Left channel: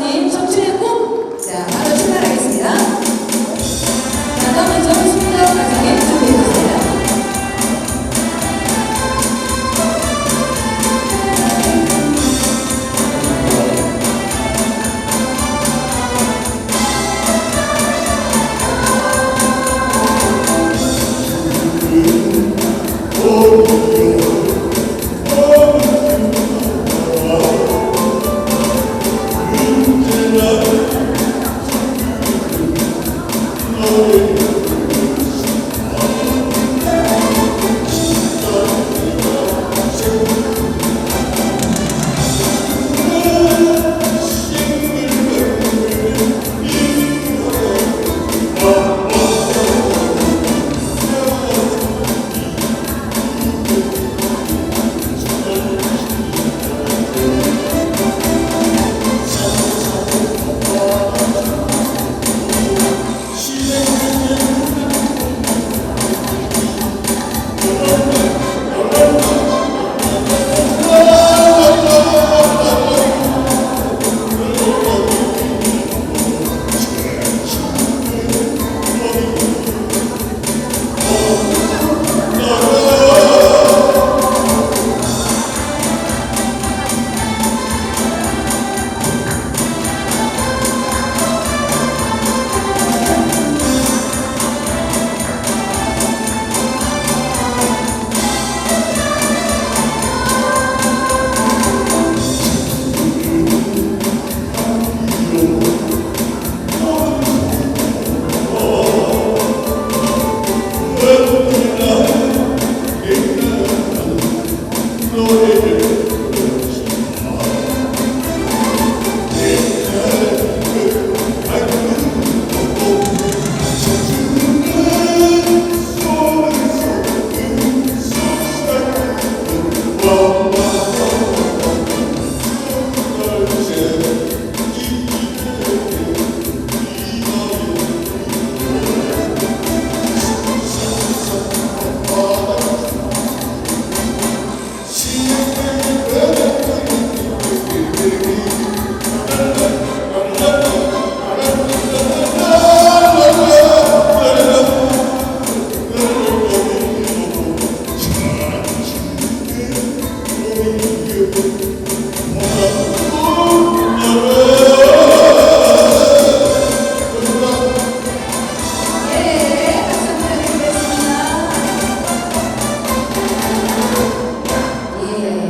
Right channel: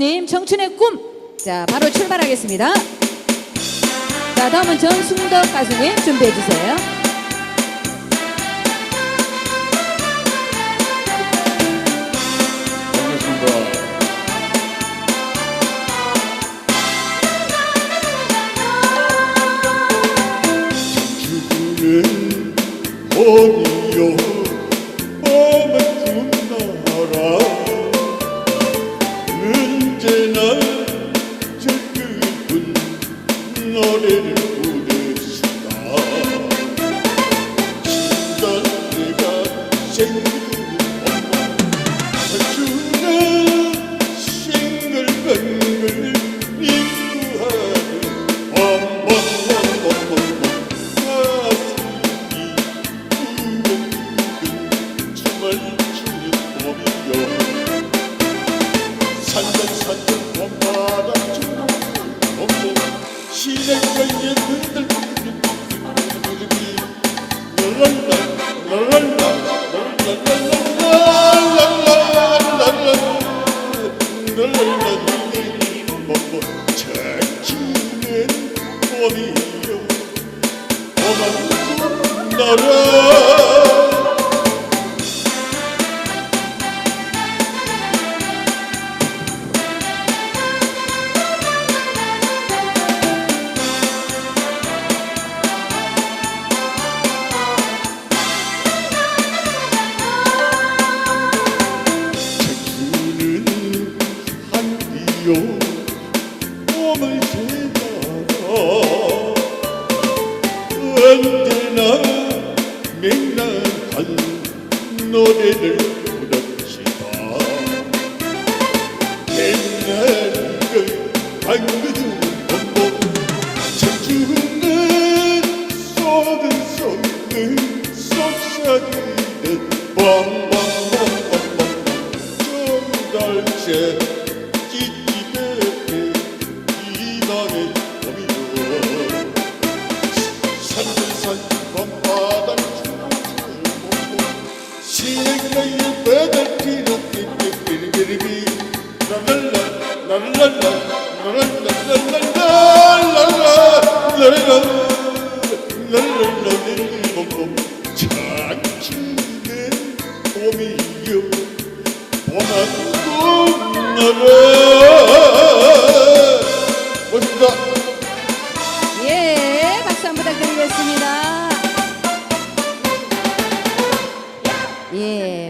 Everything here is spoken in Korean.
선생님 청춘의 꿈. 자, 바로 출발하겠습니다. 자, 다음은 정순덕 가수님 준비해 주세요. Oh know sorun の絵で。everything you.